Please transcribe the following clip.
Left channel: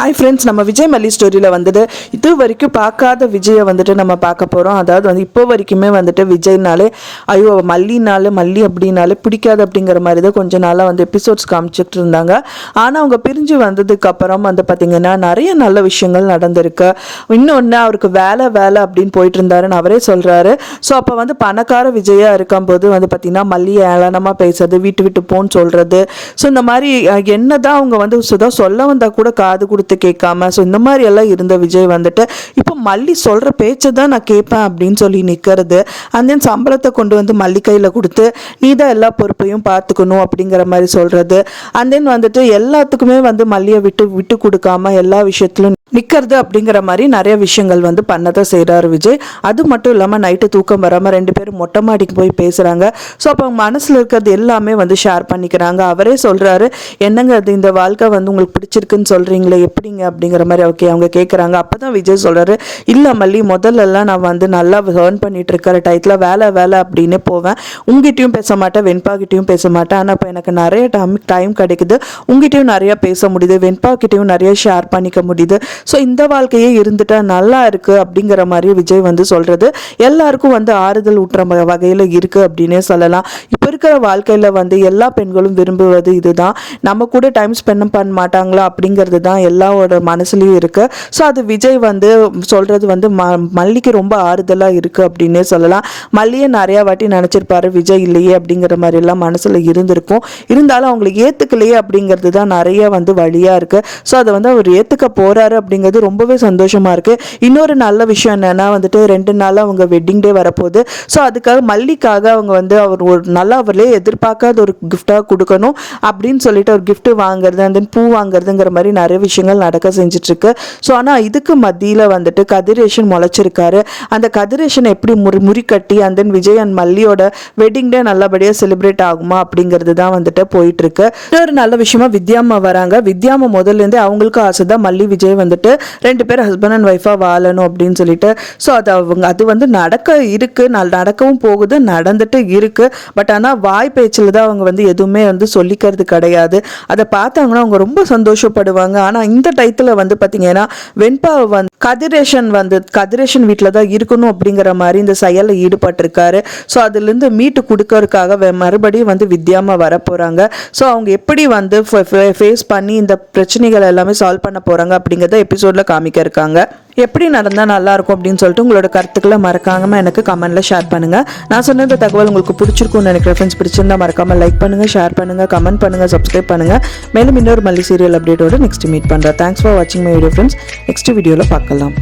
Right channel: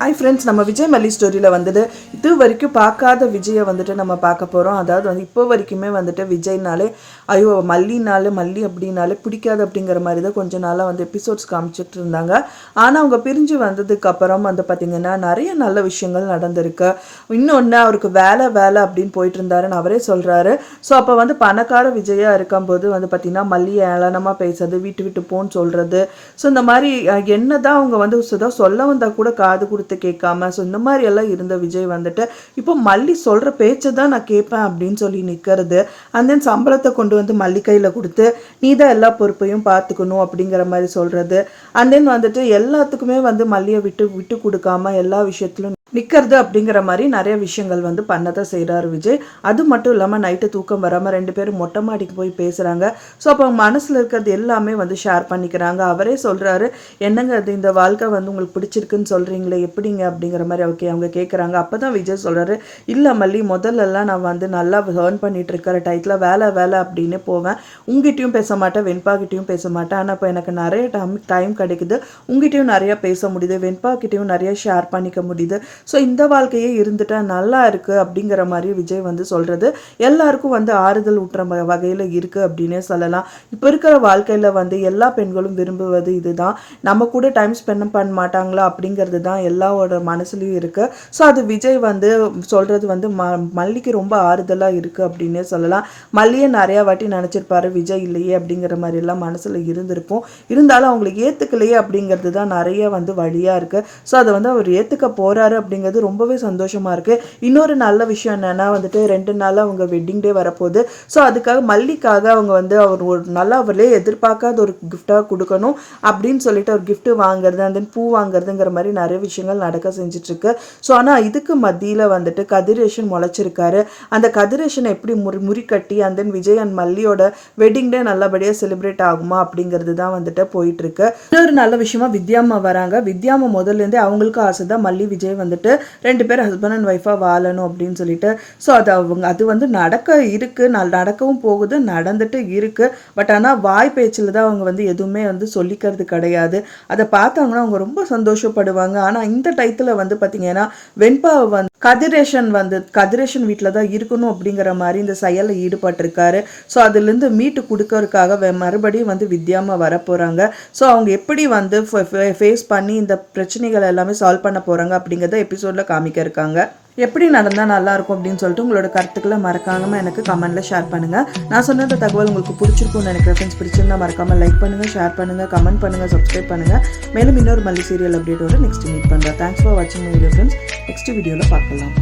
Hi friends, நம்ம விஜய் மல்லி ஸ்டோரியில் வந்துட்டு இது வரைக்கும் பார்க்காத விஜயை வந்துட்டு நம்ம பார்க்க போகிறோம். அதாவது வந்து இப்போ வரைக்குமே வந்துட்டு விஜய்னாலே ஐயோ மல்லி அப்படின்னாலே பிடிக்காது அப்படிங்கிற மாதிரி தான் கொஞ்ச நாளாக வந்து எபிசோட்ஸ் காமிச்சிட்டு இருந்தாங்க. ஆனால் அவங்க பிரிஞ்சு வந்ததுக்கு அப்புறம் வந்து பார்த்திங்கன்னா நிறைய நல்ல விஷயங்கள் நடந்திருக்கு. இன்னொன்று அவருக்கு வேலை அப்படின்னு போயிட்டு இருந்தாருன்னு அவரே சொல்கிறாரு. ஸோ அப்போ வந்து பணக்கார விஜயாக இருக்கும்போது வந்து பார்த்திங்கன்னா மல்லியை ஏளனமாக பேசுறது, விட்டு போன்னு சொல்கிறது. ஸோ இந்த மாதிரி என்னதான் அவங்க வந்து சொல்ல வந்தால் கூட காது கொடுத்து கேட்காம ஸோ இந்த மாதிரி எல்லாம் இருந்த விஜய் வந்துட்டு இப்போ மல்லி சொல்ற பேச்சை தான் நான் கேட்பேன் அப்படின்னு சொல்லி நிற்கிறது. அண்ட் தென் சம்பளத்தை கொண்டு வந்து மல்லி கையில் கொடுத்து நீ தான் எல்லா பொறுப்பையும் பார்த்துக்கணும் அப்படிங்கிற மாதிரி சொல்றது. அண்ட் தென் வந்துட்டு எல்லாத்துக்குமே வந்து மல்லியை விட்டு கொடுக்காம எல்லா விஷயத்திலும் நிற்கிறது அப்படிங்கிற மாதிரி நிறைய விஷயங்கள் வந்து பண்ணதான் செய்கிறாரு விஜய். அது மட்டும் இல்லாமல் நைட்டு தூக்கம் வராமல் ரெண்டு பேரும் மொட்டை மாடிக்கு போய் பேசுகிறாங்க. ஸோ அப்போ மனசில் இருக்கிறது எல்லாமே வந்து ஷேர் பண்ணிக்கிறாங்க. அவரே சொல்கிறாரு, என்னங்க அது இந்த வாழ்க்கை வந்து உங்களுக்கு பிடிச்சிருக்குன்னு சொல்கிறீங்களே எப்படிங்க அப்படிங்கிற மாதிரி அவங்க கேட்குறாங்க. அப்போ தான் விஜய் சொல்கிறாரு, இல்லை மல்லி முதல்லலாம் நான் வந்து நல்லா ஏர்ன் பண்ணிட்டு இருக்கிற டயத்தில் வேலை அப்படின்னு போவேன். உங்ககிட்டையும் பேச மாட்டேன், வெண்பாக்கிட்டையும் பேச மாட்டேன். ஆனால் இப்போ எனக்கு நிறைய டைம் கிடைக்குது, உங்ககிட்டையும் நிறையா பேச முடியுது, வெண்பாக்கிட்டையும் நிறைய ஷேர் பண்ணிக்க முடியுது. ஸோ இந்த வாழ்க்கையே இருந்துட்டா நல்லா இருக்கு அப்படிங்கிற மாதிரி விஜய் வந்து சொல்றது எல்லாருக்கும் வந்து ஆறுதல் ஊட்டுற வகையில் இருக்கு அப்படின்னே சொல்லலாம். இப்போ இருக்கிற வாழ்க்கையில வந்து எல்லா பெண்களும் விரும்புவது இதுதான். நம்ம கூட டைம் ஸ்பெண்ட் பண்ண மாட்டாங்களா அப்படிங்கிறது தான் எல்லாரோட மனசுலயும் இருக்கு. ஸோ அது விஜய் வந்து சொல்றது வந்து மல்லிக்கு ரொம்ப ஆறுதலா இருக்கு அப்படின்னே சொல்லலாம். மல்லியை நிறைய வாட்டி நினைச்சிருப்பாரு விஜய் இல்லையே அப்படிங்கிற மாதிரி எல்லாம் மனசுல இருந்திருக்கும். இருந்தாலும் அவங்களை ஏத்துக்கலையே அப்படிங்கிறது தான் நிறைய வந்து வழியா இருக்கு. ஸோ அதை வந்து அவர் ஏத்துக்க போறாரு அப்படிங்கிறது ரொம்பவே சந்தோஷமா இருக்கு. இன்னொரு நல்ல விஷயம் என்னன்னா வந்துட்டு 2 நாள் அவங்க வெட்டிங் டே வரப்போகுது. ஸோ அதுக்காக மல்லிக்காக அவங்க வந்து அவர் ஒரு நல்லா அவர்களே எதிர்பார்க்காத ஒரு கிஃப்டா கொடுக்கணும் அப்படின்னு சொல்லிட்டு ஒரு கிஃப்ட் வாங்குறது, அந்த பூ வாங்குறதுங்கிற மாதிரி நிறைய விஷயங்கள் நடக்க செஞ்சுட்டு இருக்கு. ஸோ ஆனால் இதுக்கு மத்தியில் வந்துட்டு கதிரேஷன் முளைச்சிருக்காரு. அந்த கதிரேஷன் எப்படி முறிக்கட்டி அந்த விஜய் அண்ட் மல்லியோட வெட்டிங் டே நல்லபடியாக செலிப்ரேட் ஆகுமா அப்படிங்கிறது தான் வந்துட்டு போயிட்டு இருக்கு. இன்னொரு நல்ல விஷயமா வித்யாமா வராங்க. வித்யாமா முதல்ல இருந்தே அவங்களுக்கும் ஆசை தான் மல்லி விஜய் வந்துட்டு 2 பேர் ஹஸ்பண்ட் அண்ட் ஒய்ஃபா வாழணும் அப்படின்னு சொல்லிட்டு. ஸோ அது வந்து நடக்கவும் போகுது, நடந்துட்டு இருக்கு. பட் ஆனால் வாய் பேச்சில் தான் அவங்க வந்து எதுவுமே வந்து சொல்லிக்கிறது கிடையாது. அதை பார்த்தாங்கன்னா அவங்க ரொம்ப சந்தோஷப்படுவாங்க. ஆனால் இந்த டயத்தில் வந்து பார்த்தீங்கன்னா வெண்பாவை வந்து கதிரேஷன் வீட்டில் தான் இருக்கணும் அப்படிங்கிற மாதிரி இந்த செயலில் ஈடுபட்டிருக்காரு. ஸோ அதுலேருந்து மீட்டு கொடுக்கறதுக்காக மறுபடியும் வந்து வித்யாமா வர போகிறாங்க. ஸோ அவங்க எப்படி வந்து ஃபேஸ் பண்ணி இந்த பிரச்சனைகள் எல்லாமே சால்வ் பண்ண போகிறாங்க அப்படிங்கிறத எபிசோடில் காமிக்க இருக்காங்க. எப்படி நடந்தால் நல்லாயிருக்கும் அப்படின்னு சொல்லிட்டு உங்களோட கருத்துக்களை மறக்காமல் எனக்கு கமெண்ட்டில் ஷேர் பண்ணுங்கள். நான் சொன்ன இந்த தகவல் உங்களுக்கு பிடிச்சிருக்கும்னு நினைக்கிறேன். ஃப்ரெண்ட்ஸ் பிடிச்சிருந்தா மறக்காமல் லைக் பண்ணுங்கள், ஷேர் பண்ணுங்கள், கமெண்ட் பண்ணுங்கள், சப்ஸ்கிரைப் பண்ணுங்கள். மேலும் இன்னொரு மல்லி சீரியல் அப்டேட்டோடு நெக்ஸ்ட் மீட் பண்ணுறேன். தேங்க்ஸ் ஃபார் வாட்சிங் மை வீடியோ ஃப்ரெண்ட்ஸ். நெக்ஸ்ட் வீடியோவில் பார்க்கலாம்.